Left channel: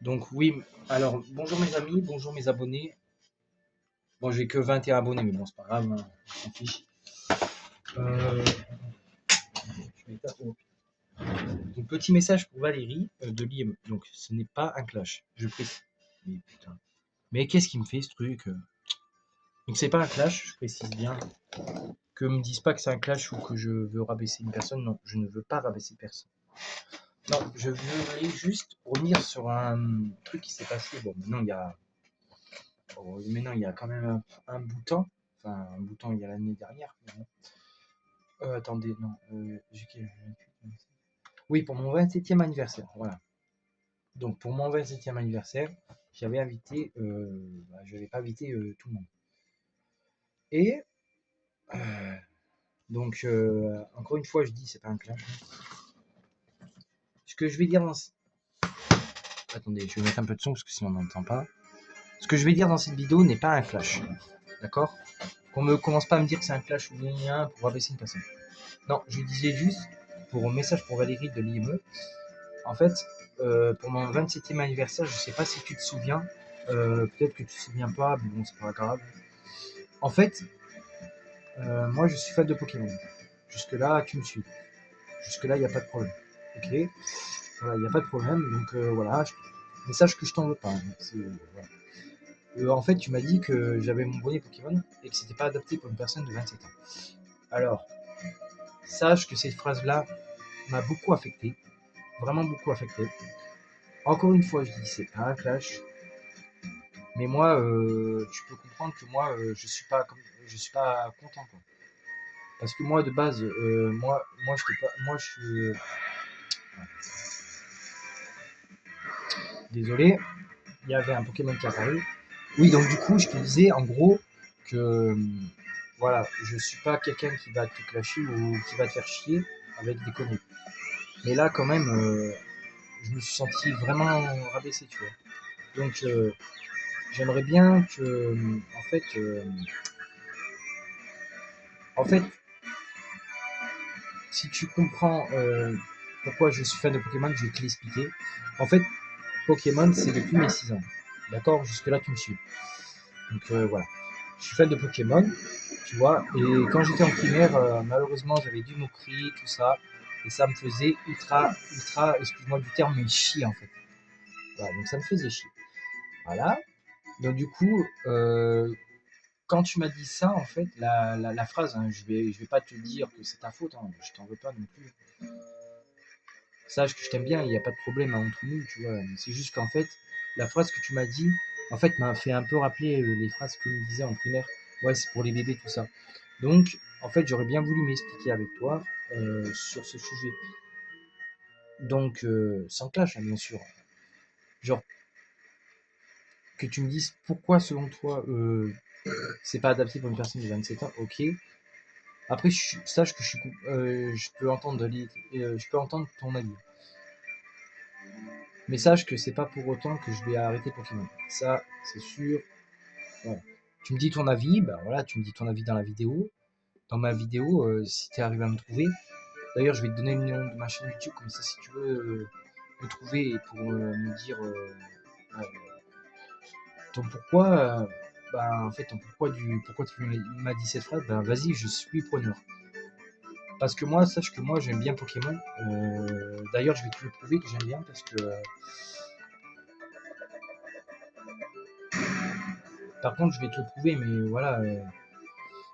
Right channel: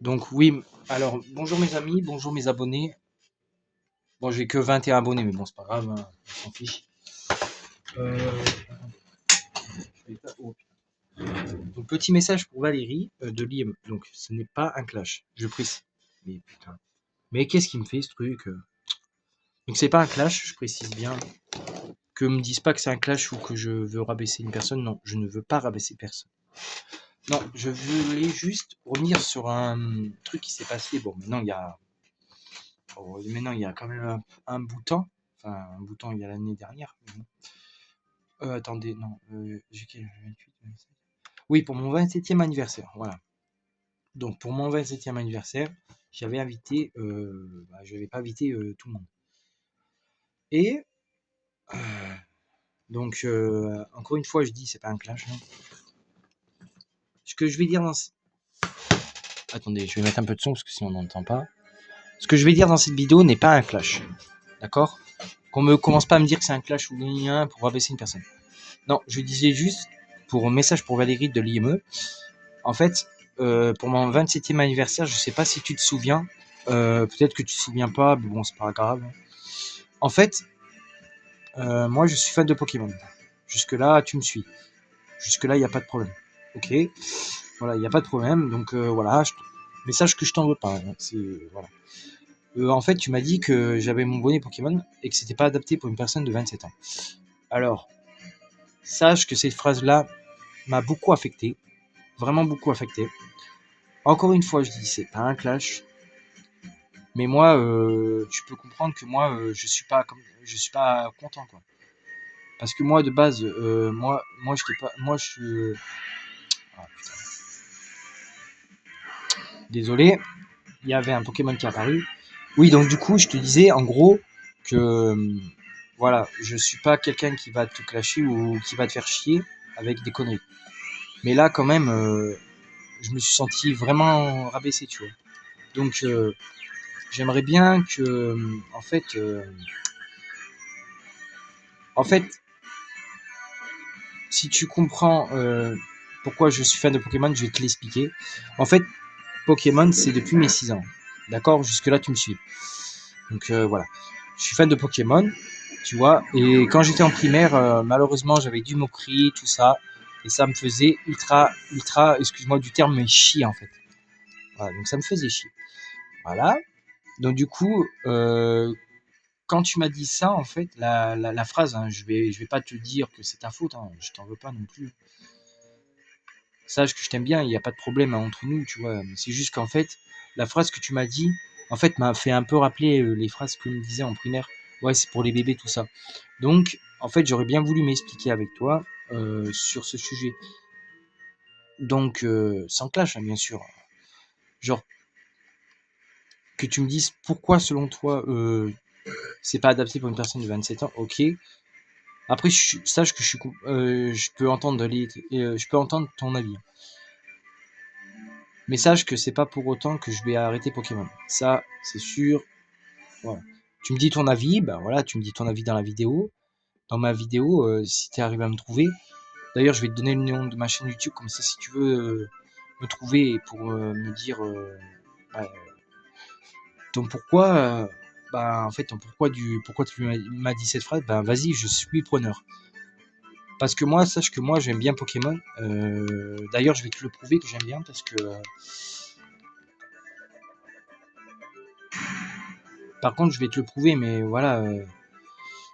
Donc oui, alors bonjour mes amis, bonjour mes abonnés. Bon, j'ai que 21 abonnés, mais bon, c'est pas grave, hein, on s'en fiche. Euh, je vais pas- oh. Donc petit message pour Valérie de l'IM. Donc ce n'est pas un clash, je précise. Mais putain. Mais qu'est-ce qui me fait ce truc? Donc c'est pas un clash, je précise bien. Que me disent pas que c'est un clash ou que je veux rabaisser une personne. Non, je ne veux pas rabaisser personne. Non, je voulais juste revenir sur un truc qui s'est passé. Bon, maintenant il y a quand même un bout de temps. Enfin, un bout de temps, il y a l'année dernière. Mais bon. Attendez, non. J'ai quel 28, 27. Oui, pour mon 27e anniversaire. Voilà. Donc, pour mon 27e anniversaire, je n'avais pas invité tout le monde. Et, encore une fois, je dis, c'est pas un clash, hein. Ce que je vais dire dans. Attendez, je vais mettre un peu de son parce que sinon on n'entend pas. Ce que je vais dire dans cette vidéo n'est pas un clash. D'accord? Qu'on me commence pas à me dire que c'est un clash ou rien pour rabaisser une personne. Non, je disais juste, pour un message pour Valérie de l'IME, en fait, pour mon 27e anniversaire, je sais pas si tu te souviens, peut-être que tu te souviens pas, mais bon, c'est pas grave. En fait, moi, je suis fan de Pokémon. Jusque-là, tu me suis. Jusque-là, il n'y a pas de problème. Ok, voilà, il n'y a pas de problème. Donc voilà, message que je t'en veux pas, hein, voilà. En fait, tu m'as dit que j'avais mon bonnet Pokémon et que c'était pas adapté pour une personne de 27 ans. Alors, sache que cette phrase-là m'a beaucoup affecté, vraiment beaucoup affecté. Encore une fois, je dis, c'est pas un clash, mais moi, tu peux comprendre que moi, je suis pas content, quoi. Parce que moi, de base, moi, je pas, moi, je suis, ah, désolé, il y avait un Pokémon qui est apparu. Oui, donc du coup, je te disais, en gros, que, voilà, je suis pas quelqu'un qui va te clasher ou qui va te faire chier avec des conneries. Mais là, quand même, je me suis senti vraiment rabaissé, tu vois. Donc, j'aimerais bien que, en fait, si tu comprends pourquoi je suis fan de Pokémon, je vais te l'expliquer. En fait, Pokémon, c'est depuis mes 6 ans. D'accord? Jusque-là, tu me suis. Donc voilà. Je suis fan de Pokémon, tu vois. Et quand j'étais en primaire, malheureusement, j'avais du Moquerie, tout ça. Et ça me faisait ultra, excuse-moi du terme, mais chier en fait. Voilà, donc ça me faisait chier. Voilà. Donc du coup, quand tu m'as dit ça, en fait, la phrase, hein, je vais pas te dire que c'est ta faute, hein, je t'en veux pas non plus. Sache que je t'aime bien, il n'y a pas de problème hein, entre nous, tu vois. Mais c'est juste qu'en fait, la phrase que tu m'as dit, en fait, m'a fait un peu rappeler les phrases que me disait en primaire. Ouais, c'est pour les bébés, tout ça. Donc, en fait, j'aurais bien voulu m'expliquer avec toi sur ce sujet. Donc, sans clash, hein, bien sûr. Genre, que tu me dises pourquoi, selon toi, c'est pas adapté pour une personne de 27 ans, ok. Après, sache que je peux je peux entendre ton avis. Mais sache que c'est pas pour autant que je vais arrêter Pokémon. Ça, c'est sûr. Voilà. Tu me dis ton avis, ben voilà, tu me dis ton avis dans la vidéo. Dans ma vidéo, si tu arrives à me trouver. D'ailleurs, je vais te donner le nom de ma chaîne YouTube, comme ça, si tu veux me trouver pour me dire bah, ton pourquoi, en fait, ton pourquoi tu m'as dit cette phrase, ben vas-y, je suis preneur. Parce que moi, sache que moi, j'aime bien Pokémon. D'ailleurs, je vais te le prouver que j'aime bien parce que par contre, je vais te le prouver, mais voilà,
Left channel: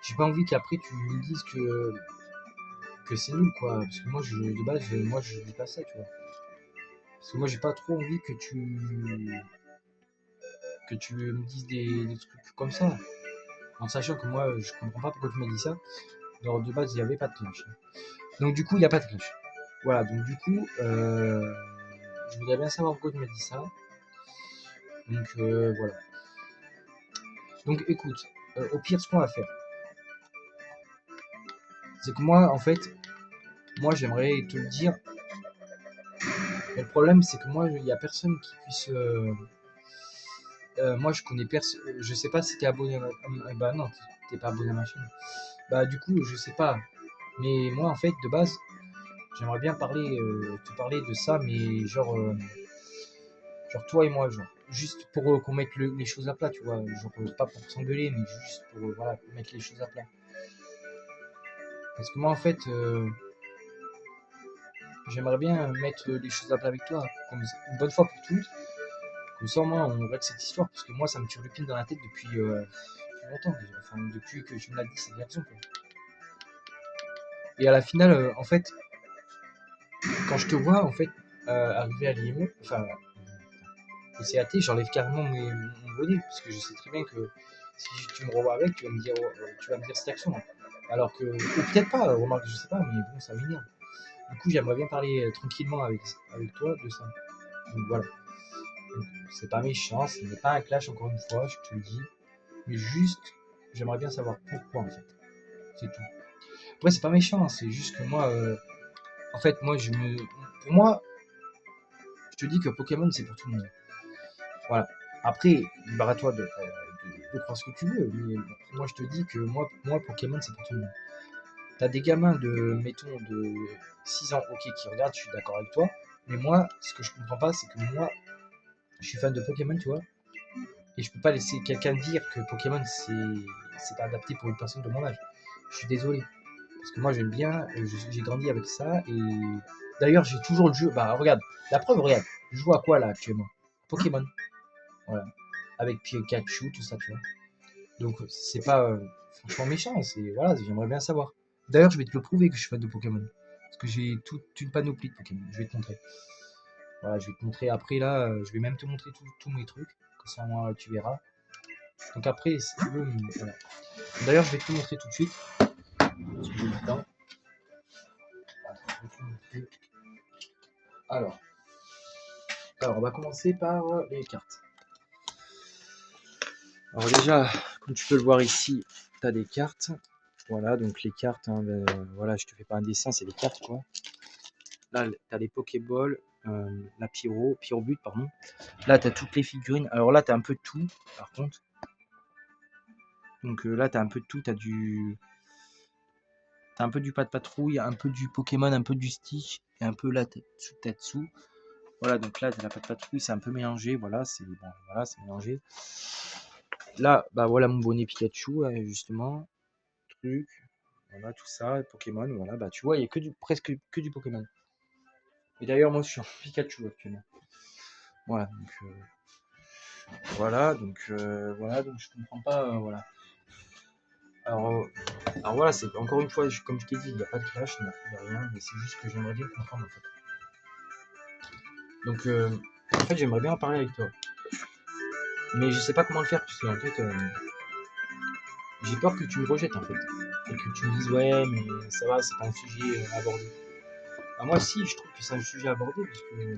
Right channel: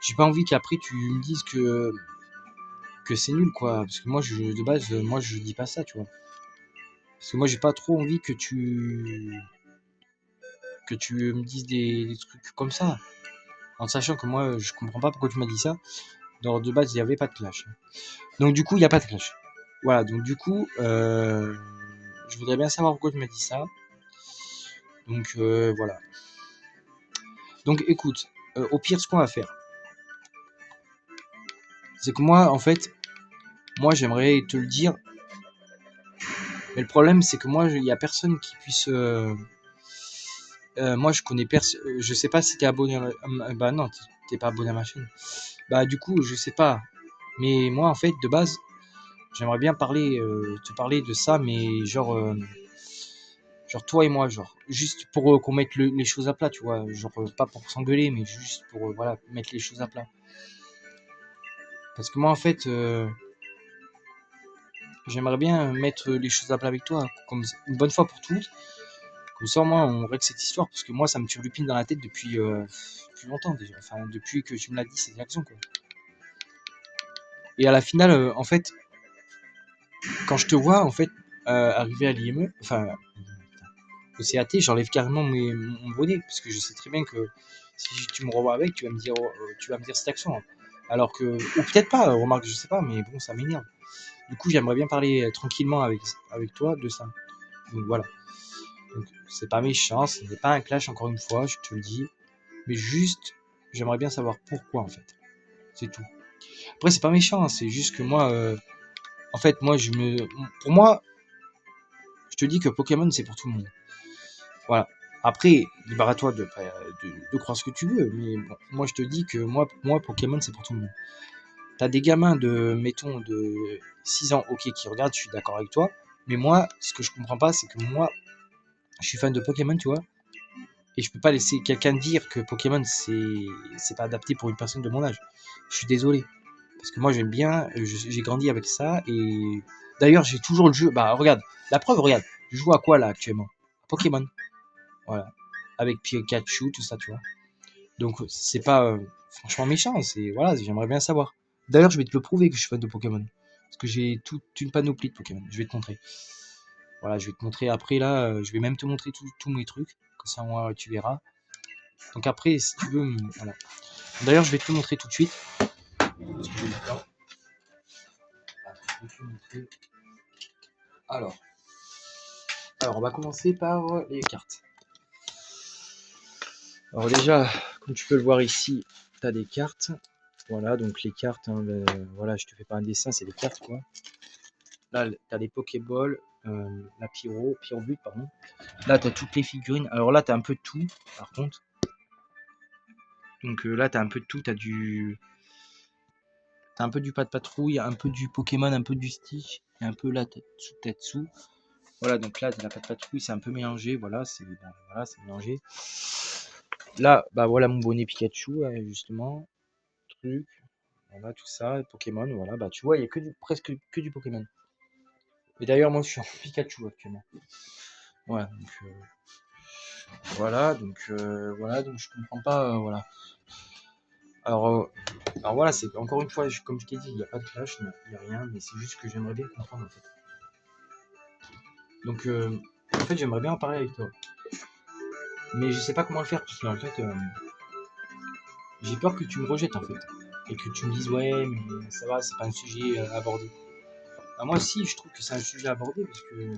j'ai pas envie qu'après tu me dises que c'est nul, quoi. Parce que moi, de base, moi, je dis pas ça, tu vois. Parce que moi, j'ai pas trop envie que tu me dises des trucs comme ça. En sachant que moi, je comprends pas pourquoi tu m'as dit ça. Donc, de base, il n'y avait pas de clash. Donc, du coup, il n'y a pas de clash. Voilà, donc du coup, je voudrais bien savoir pourquoi tu m'as dit ça. Donc, voilà. Donc, écoute, au pire, ce qu'on va faire, c'est que moi, en fait, moi, j'aimerais te le dire. Mais le problème, c'est que moi, il n'y a personne qui puisse. Moi, je connais personne. Je sais pas si t'es abonné bah non, t'es pas abonné à ma chaîne. Bah, du coup, je sais pas. Mais moi, en fait, de base, j'aimerais bien te parler de ça, mais genre. Genre toi et moi, genre. Juste pour qu'on mette les choses à plat, tu vois. Genre pas pour s'engueuler, mais juste pour voilà, mettre les choses à plat. Parce que moi, en fait, j'aimerais bien mettre les choses à plat avec toi, comme une bonne fois pour toutes. Comme ça, au moins, on règle cette histoire. Parce que moi, ça me turlupine dans la tête depuis plus longtemps déjà. Enfin, depuis que tu me l'as dit, cette action, quoi. Et à la finale, en fait, quand je te vois, en fait, arriver à l'IME, enfin, au CAT, j'enlève carrément mon bonnet. Parce que je sais très bien que si tu me revois avec, tu vas me dire cette action, hein. Alors que, ou peut-être pas, remarque, je sais pas, mais bon, ça m'énerve. Du coup, j'aimerais bien parler tranquillement avec toi de ça. Donc voilà. Donc, c'est pas méchant, ce n'est pas un clash, encore une fois, je te le dis. Mais juste, j'aimerais bien savoir pourquoi, en fait. C'est tout. Après, c'est pas méchant, hein, c'est juste que moi, en fait, pour moi, je te dis que Pokémon, c'est pour tout le monde. Voilà. Après, libre à toi de croire ce que tu veux, mais bon, moi, je te dis que moi Pokémon, c'est pour tout le monde. T'as des gamins mettons, de 6 ans, ok, qui regardent, je suis d'accord avec toi. Mais moi, ce que je comprends pas, c'est que moi, je suis fan de Pokémon, tu vois. Et je peux pas laisser quelqu'un dire que Pokémon, c'est pas adapté pour une personne de mon âge. Je suis désolé. Parce que moi, j'aime bien, j'ai grandi avec ça. Et d'ailleurs, j'ai toujours le jeu. Bah, regarde, la preuve, regarde. Je joue à quoi là actuellement? Pokémon. Voilà. Avec Pikachu, tout ça, tu vois. Donc, c'est pas franchement méchant. C'est voilà, j'aimerais bien savoir. D'ailleurs, je vais te le prouver que je suis fan de Pokémon. Parce que j'ai toute une panoplie de Pokémon. Je vais te montrer. Voilà, je vais te montrer après là. Je vais même te montrer tous mes trucs. Comme ça, moi, tu verras. Donc après, si tu veux, voilà. D'ailleurs, je vais te le montrer tout de suite. Parce que j'ai le temps. Alors, on va commencer par les cartes. Alors déjà, comme tu peux le voir ici, tu as des cartes. Voilà, donc les cartes, hein, voilà, je te fais pas un dessin, c'est des cartes quoi. Là, tu as les Pokéballs, la Pyrobut, pardon. Là, tu as toutes les figurines. Alors là, tu as un peu de tout, par contre. Donc là, tu as un peu de tout. Tu as un peu du Pat Patrouille, un peu du Pokémon, un peu du Stitch, et un peu là, Tatsu. Voilà, donc là, tu as la Pat Patrouille, c'est un peu mélangé. Voilà, c'est mélangé. Là, bah voilà mon bonnet Pikachu, justement. Truc. Voilà, tout ça, Pokémon, voilà, bah tu vois, il y a presque que du Pokémon. Et d'ailleurs, moi, je suis en Pikachu actuellement. Voilà, donc je comprends pas, voilà. Alors, voilà, c'est encore une fois, comme je t'ai dit, il n'y a pas de clash, il n'y a rien, mais c'est juste que j'aimerais bien comprendre en fait. Donc, en fait, j'aimerais bien en parler avec toi. Mais je sais pas comment le faire, parce qu'en fait, j'ai peur que tu me rejettes en fait. Et que tu me dises, ouais, mais ça va, c'est pas un sujet abordé. Alors, moi, si, je trouve que c'est un sujet abordé, parce que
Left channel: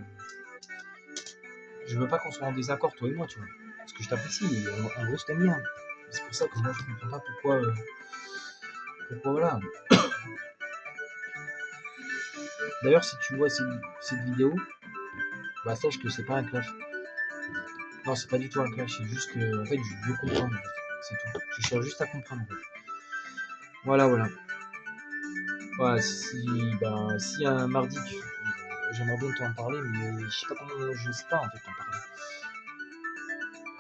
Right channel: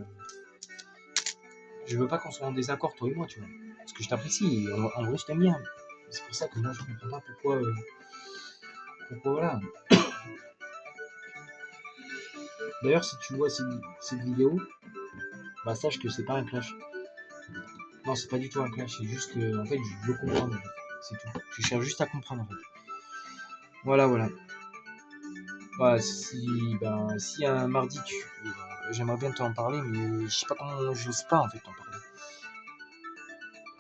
je veux pas qu'on soit en désaccord, toi et moi, tu vois. Parce que je t'apprécie, en vrai, je t'aime bien. C'est pour ça que moi, je comprends pas pourquoi voilà. D'ailleurs, si tu vois cette vidéo, bah sache que c'est pas un clash. Non, c'est pas du tout un clash, c'est juste que, en fait, je veux comprendre, en fait. C'est tout. Je cherche juste à comprendre, en fait. Voilà, voilà. Voilà, si un mardi, j'aimerais bien t'en parler, mais je sais pas comment, j'ose pas, en fait, t'en parler.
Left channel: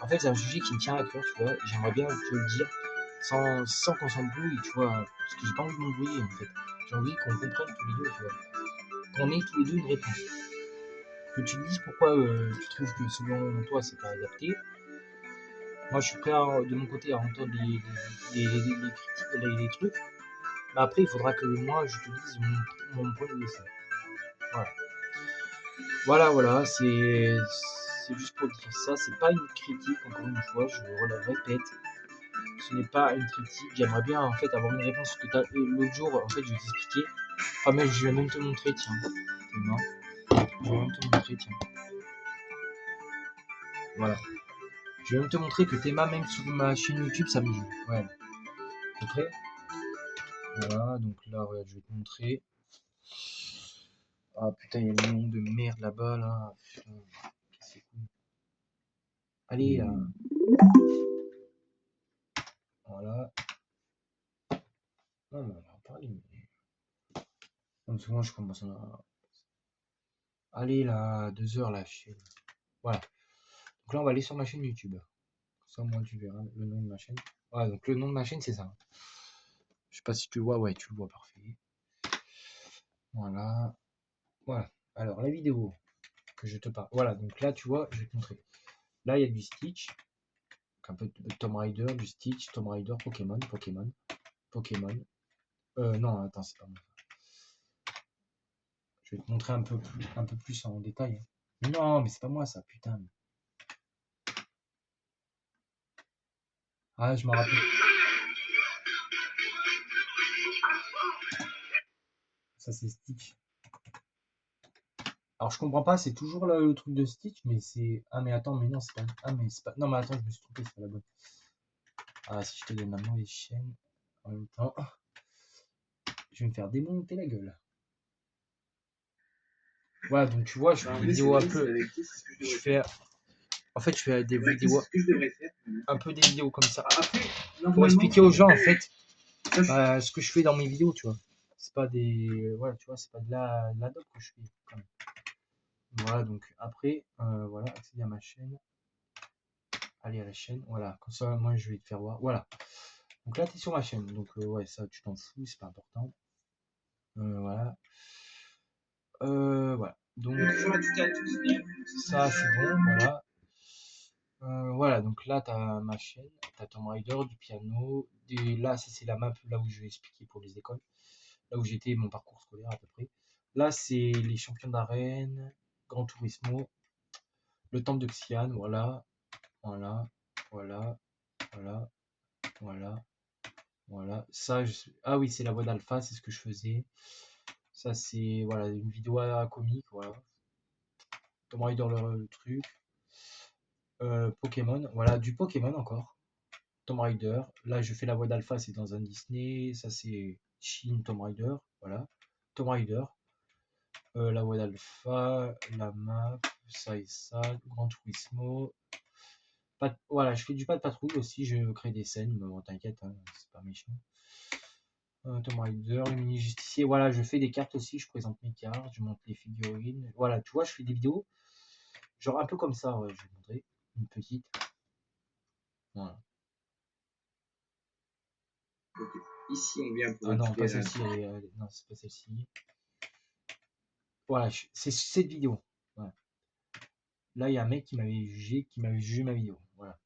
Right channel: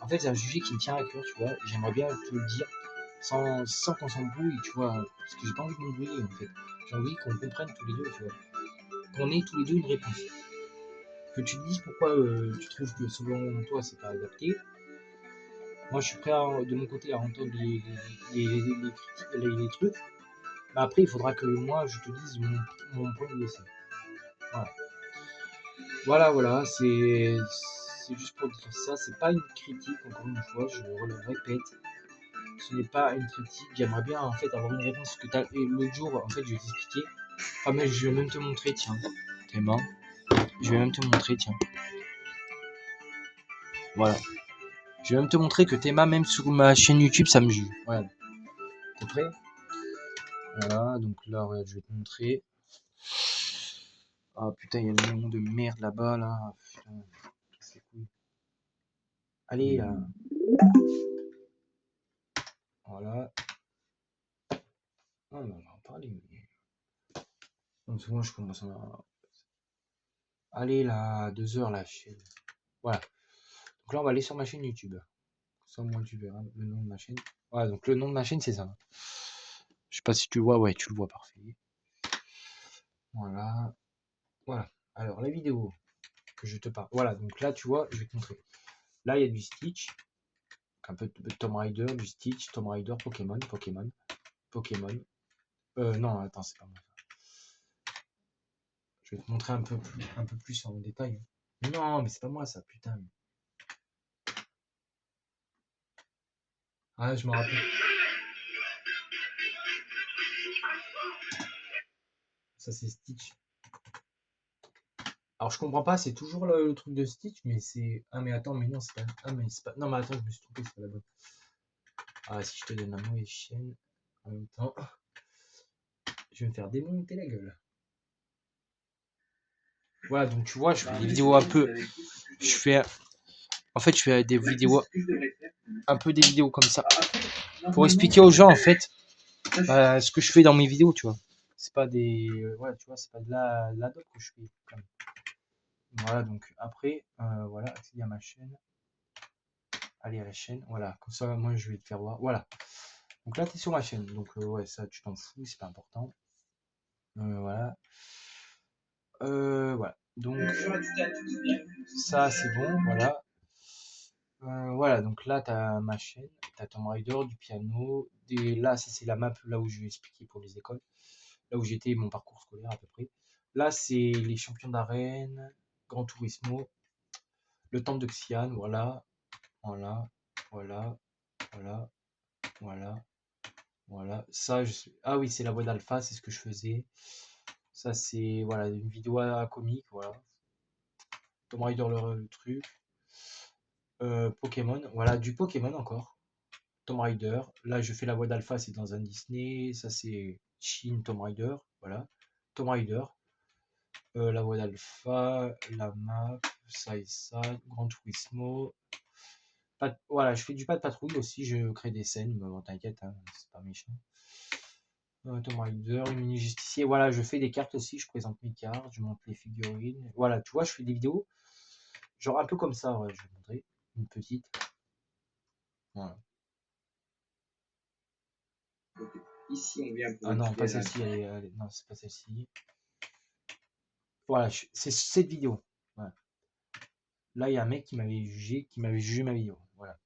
En fait, c'est un sujet qui me tient à cœur, tu vois. J'aimerais bien te le dire sans qu'on s'embrouille, tu vois. Parce que j'ai pas envie de m'embrouiller, en fait. J'ai envie qu'on comprenne tous les deux, tu vois. Qu'on ait tous les deux une réponse. Que tu te dises pourquoi tu trouves que selon toi, c'est pas adapté. Moi, je suis prêt de mon côté à entendre les trucs. Mais après, il faudra que moi, je te dise mon point de vue aussi. Voilà. Voilà, c'est juste pour dire ça. C'est pas une critique, encore une fois, je le répète. Ce n'est pas une critique. J'aimerais bien en fait avoir une réponse que l'autre jour. En fait, je vais t'expliquer. Ah mais je vais même te montrer, tiens. Clément. Je vais même te montrer, tiens. Voilà. Je vais même te montrer que Théma, même sur ma chaîne YouTube, ça me juge. Ouais. T'es prêt? Voilà, donc là, ouais, je vais te montrer. Ah putain, il y a le nom de merde là-bas, là. Putain, c'est cool. Allez, là. Voilà. Non, mais on va en parler. Donc, moi, je commence à... Allez, là, 2 heures, là. Voilà. Donc là, on va aller sur ma chaîne YouTube. Ça, au moins, tu verras le nom de ma chaîne. Voilà, donc le nom de ma chaîne, c'est ça. Je sais pas si tu le vois. Ouais, tu le vois, parfait. Voilà. Voilà. Alors, la vidéo que je te parle. Voilà, donc là, tu vois, je vais te montrer. Là, il y a du Stitch. Un peu de Tomb Raider, du Stitch, Tomb Raider, Pokémon. Non, attends, c'est pas moi. Je vais te montrer un peu plus en détail. Non, mais c'est pas moi ça, putain. Ah, je me rappelle. Ça, c'est Stitch. Alors, je comprends pas, c'est toujours le truc de Stitch, mais c'est. Ah, mais attends, mais non, c'est pas. Ah, mais c'est pas. Non, mais attends, je me suis trompé, c'est pas la bonne. Ah, si je te donne la mauvaise chaîne en même temps, je vais me faire démonter la gueule. Voilà, donc tu vois, je fais des vidéos un peu. Je fais. En fait, je fais des vidéos. Un peu des vidéos comme ça. Pour expliquer aux gens, en fait, ce que je fais dans mes vidéos, tu vois. C'est pas des. Voilà, tu vois, c'est pas de la doc que je fais. Quand même. Voilà, donc après, voilà, accéder à ma chaîne. Aller à la chaîne, voilà, comme ça, moi je vais te faire voir. Voilà, donc là, tu es sur ma chaîne, donc ouais, ça, tu t'en fous, c'est pas important. Voilà. Voilà, donc ça, c'est bon, voilà. Voilà, donc là, tu as ma chaîne, tu as Tomb Raider, du piano. Là, ça, c'est la map là où je vais expliquer pour les écoles, là où j'étais, mon parcours scolaire à peu près. Là, c'est les champions d'arène, Gran Turismo, le temple de Xi'an, voilà, voilà, voilà, voilà, voilà, voilà. Ça, ah oui, c'est la voix d'Alpha, c'est ce que je faisais. Ça, c'est voilà, une vidéo comique, voilà. Tomb Raider, le truc. Pokémon, voilà, du Pokémon encore. Tomb Raider. Là, je fais la voix d'Alpha, c'est dans un Disney. Ça, c'est Shin Tomb Raider, voilà. Tomb Raider. La voix d'Alpha, la map, ça et ça, Gran Turismo. Voilà, je fais du pas de patrouille aussi, je crée des scènes, mais bon, t'inquiète, hein, c'est pas méchant. Tomb Raider, le mini justicier, voilà, je fais des cartes aussi, je présente mes cartes, je montre les figurines. Voilà, tu vois, je fais des vidéos, genre un peu comme ça, ouais, je vais te montrer, une petite. Voilà. Donc, ici, on vient pour Ah non, pas récupérer celle-ci, non, c'est pas celle-ci. Voilà, c'est cette vidéo. Voilà. Là, il y a un mec qui m'avait jugé ma vidéo. Voilà.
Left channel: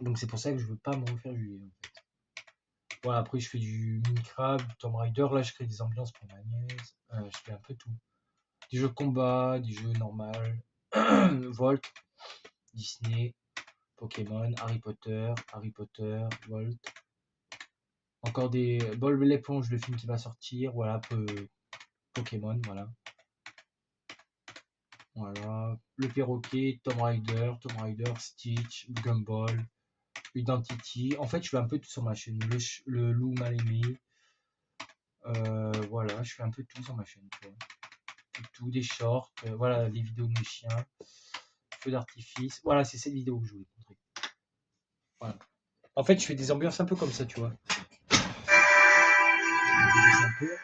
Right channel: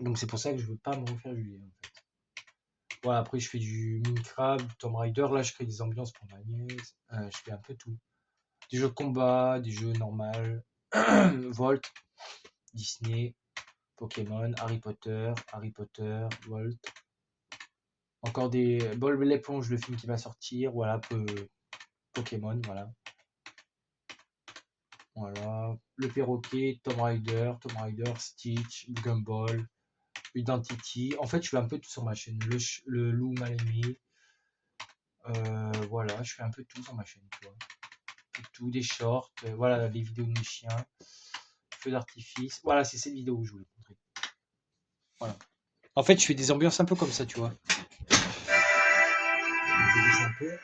Donc c'est pour ça que je veux pas me refaire juger en fait. Voilà, après je fais du Minecraft, Tomb Raider, là je crée des ambiances pour ma nièce, je fais un peu tout. Des jeux de combat, des jeux normaux, Volt, Disney, Pokémon, Harry Potter, Volt. Encore des Bob l'éponge, le film qui va sortir, voilà, Pokémon, voilà. Voilà, le perroquet, Tomb Raider, Stitch, Gumball, Identity. En fait, je fais un peu tout sur ma chaîne. Le loup mal aimé. Voilà, je fais un peu tout sur ma chaîne, tu vois. Tout, des shorts, voilà, les vidéos de mes chiens, feu d'artifice. Voilà, c'est cette vidéo que je voulais te montrer. Voilà. En fait, je fais des ambiances un peu comme ça, tu vois. Un peu.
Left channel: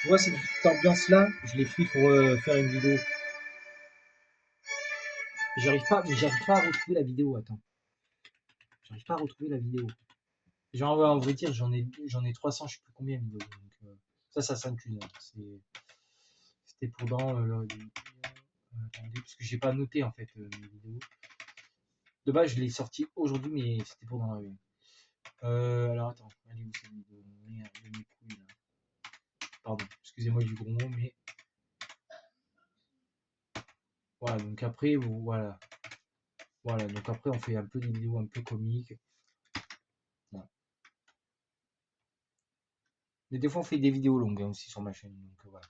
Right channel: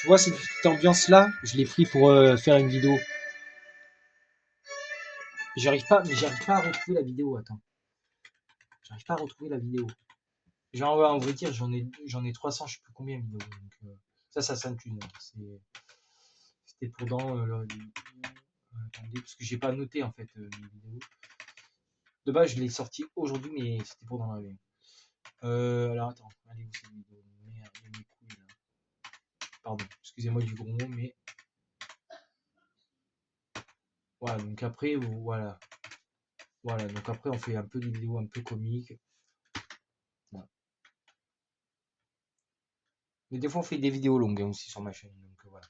Tu vois, cette petite ambiance-là, je l'ai pris pour faire une vidéo. J'arrive pas à retrouver la vidéo, attends. J'arrive pas à retrouver la vidéo. Genre, ouais, on va dire, j'en ai 300, je sais plus combien de vidéos. Donc, ça s'intune. C'était pour dans attendez, parce que j'ai pas noté en fait mes vidéos. De base, je l'ai sorti aujourd'hui, mais c'était pour dans la vie. Alors attends, allez où cette vidéo? Merde, mes couilles là. Pardon, excusez-moi du gros mot, mais voilà. Donc après, voilà, voilà. Donc après, on fait un peu des vidéos un peu comiques. Voilà. Mais des fois, on fait des vidéos longues hein, aussi sur ma chaîne. Donc voilà.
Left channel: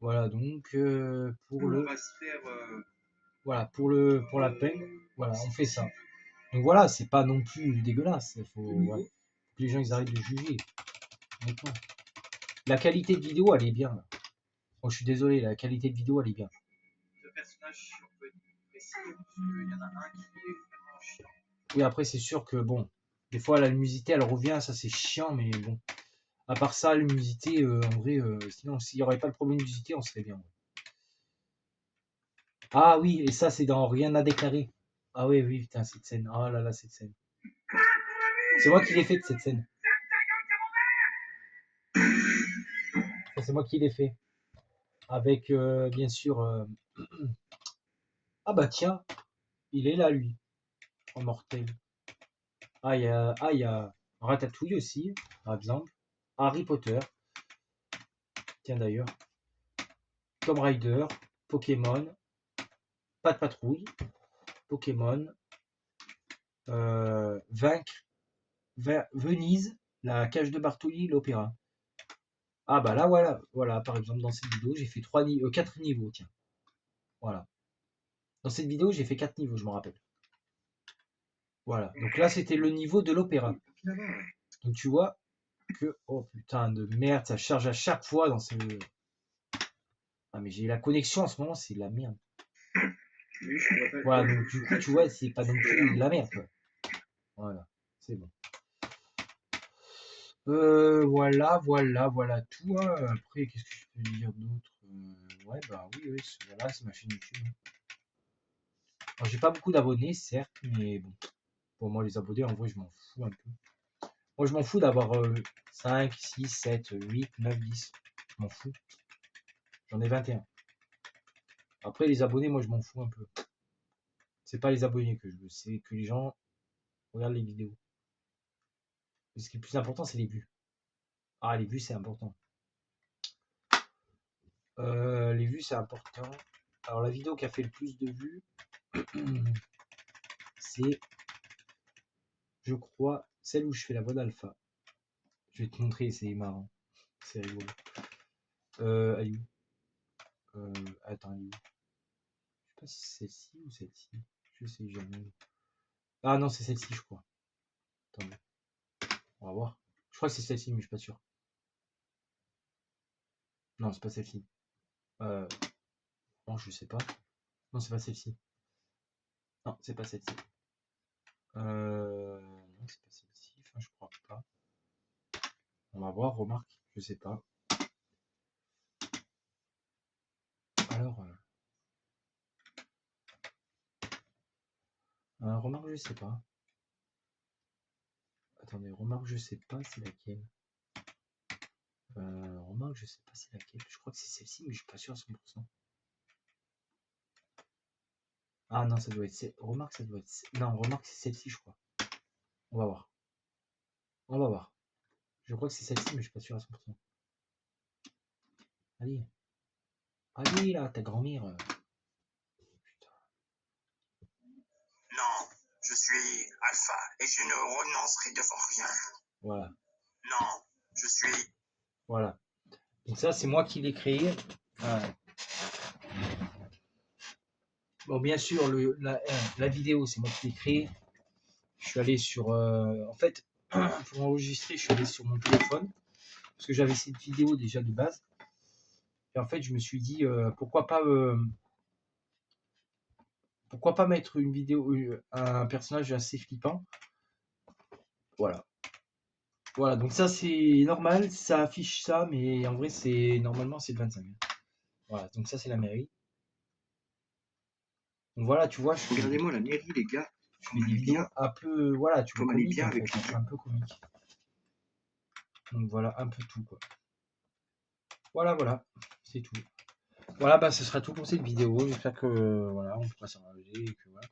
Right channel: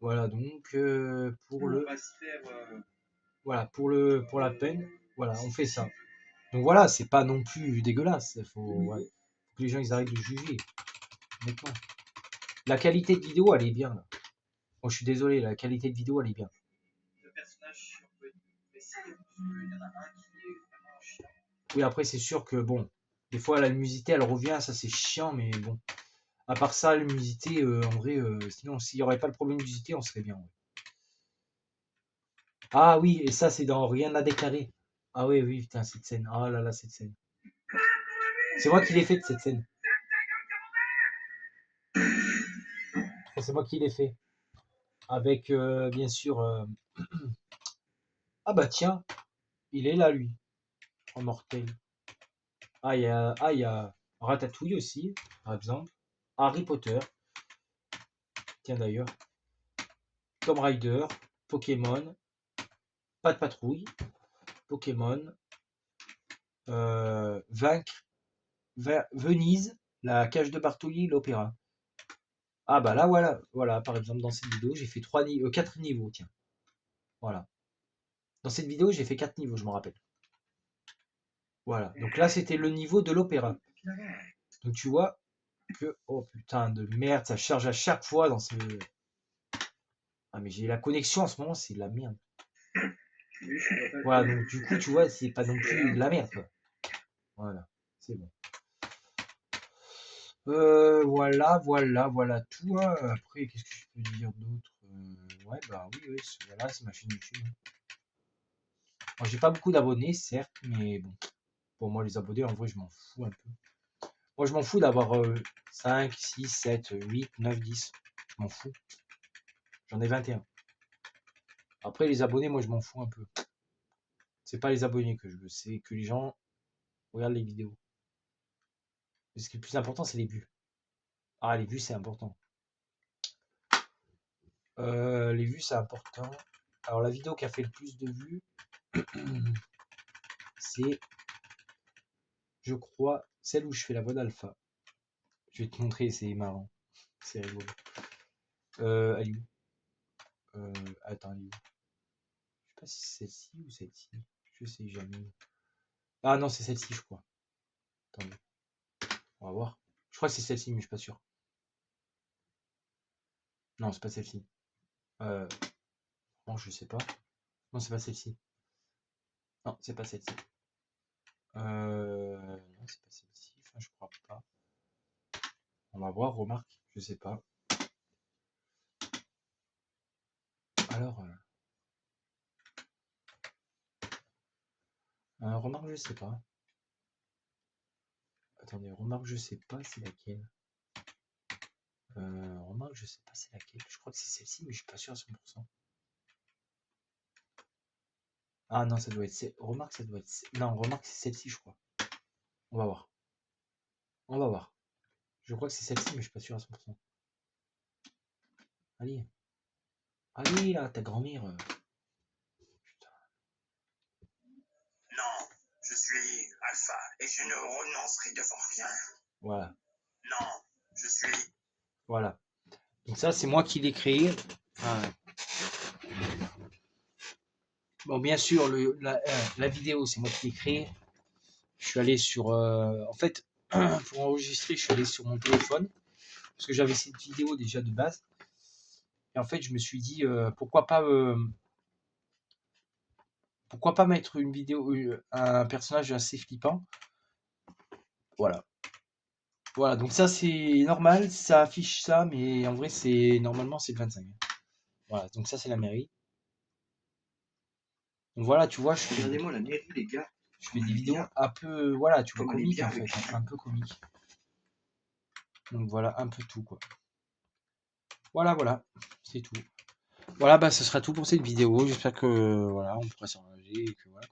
Voilà donc pour le. Voilà pour la peine. Voilà, on fait ça. Donc voilà, c'est pas non plus dégueulasse. Voilà, faut que les gens ils arrêtent de juger. Honnêtement. La qualité de vidéo, elle est bien. Là. Oh, je suis désolé, la qualité de vidéo, elle est bien. Le personnage, on peut préciser, parce qu'il y en a un qui est vraiment chiant. Oui, après, c'est sûr que bon, des fois, la luminosité, elle revient, ça c'est chiant, mais bon. À part ça, la luminosité, en vrai, sinon, s'il n'y aurait pas le problème de luminosité, on serait bien. Ouais. Ah oui, et ça, c'est dans Rien à déclarer. Ah oui, oui, putain, cette scène. Oh là là, cette scène. C'est moi qui l'ai fait, cette scène. C'est moi qui l'ai fait. Avec, bien sûr... Ah bah tiens, il est là, lui. En mortel. Il y a Ratatouille aussi, par exemple. Harry Potter. Tiens d'ailleurs. Tomb Raider. Pokémon. Pas de patrouille. Pokémon. Vaincre. Venise. La cage de Bartoli, l'opéra. Ah bah là, voilà. Voilà, par exemple, dans cette vidéo, j'ai fait 4 niveaux, tiens. Voilà. Dans cette vidéo, j'ai fait 4 niveaux, je me rappelle. Voilà. Donc là, c'était le niveau de l'opéra. Donc tu vois que... Oh putain de merde, ça charge à chaque fois dans ce... Ah mais j'ai la connexion en ce moment, c'est de la merde. Voilà, donc du coup, tu vois, c'est pas non plus de la merde, quoi. Voilà, c'est bon. Voilà tout, hein. Après, qu'est-ce que je peux dire d'autre? Ouais, bah oui, oui, voilà, c'est ma chaîne YouTube. Alors, j'ai pas beaucoup d'abonnés, certes, mais bon, pour moi, les abonnés, en vrai, je m'en fous un peu. Moi, je m'en fous d'avoir 5, 6, 7, 8, 9, 10. Je m'en fous. J'en ai 21. Après, les abonnés, moi, je m'en fous un peu. C'est pas les abonnés que je veux, c'est que les gens regardent les vidéos. Et ce qui est le plus important, c'est les vues. Ah, les vues, c'est important. Les vues, c'est important. Alors, la vidéo qui a fait le plus de vues, c'est, je crois, celle où je fais la voix d'Alpha. Je vais te montrer, c'est marrant. C'est rigolo. Elle est où? Attends, elle est où? Je sais pas si c'est celle-ci ou celle-ci. Je sais jamais. Ah non, c'est celle-ci, je crois. Attendez, on va voir. Je crois que c'est celle-ci, mais je suis pas sûr. Non, c'est pas celle-ci. Bon, je sais pas. Non, c'est pas celle-ci. Non, c'est pas celle-ci. Non, c'est pas celle-ci. Enfin, je crois pas. On va voir, remarque. Je sais pas. Alors, remarque, je sais pas. Attendez, remarque, je sais pas c'est laquelle. Remarque, je sais pas c'est laquelle. Je crois que c'est celle-ci, mais je suis pas sûr à 100%. Ah non, ça doit être. Remarque, ça doit être. Non, remarque, c'est celle-ci, je crois. On va voir. On va voir. Je crois que c'est celle-ci, mais je suis pas sûr à 100%. Allez. Allez, là, ta grand-mère. Putain. Non, je suis Alpha et je ne renoncerai devant rien. Voilà. Non, je suis... Voilà. Donc ça, c'est moi qui l'ai créé. Voilà. Bon, bien sûr, la vidéo, c'est moi qui l'ai créée. Je suis allé sur... en fait, pour enregistrer, je suis allé sur mon téléphone. Parce que j'avais cette vidéo déjà de base. Et en fait, je me suis dit, pourquoi pas mettre une vidéo, un personnage assez flippant. Voilà. Voilà, donc ça c'est normal, ça affiche ça, mais en vrai c'est normalement c'est le 25. Voilà, donc ça c'est la mairie. Donc voilà, tu vois, Regardez-moi la mairie, les gars. je fais des vidéos un peu, voilà, tu vois, Comme elle est comiques bien en fait, avec les un peu comique. Donc voilà, un peu tout quoi. Voilà, c'est tout. Voilà, bah ce sera tout pour cette vidéo. J'espère que voilà, on pourra s'arranger et que voilà.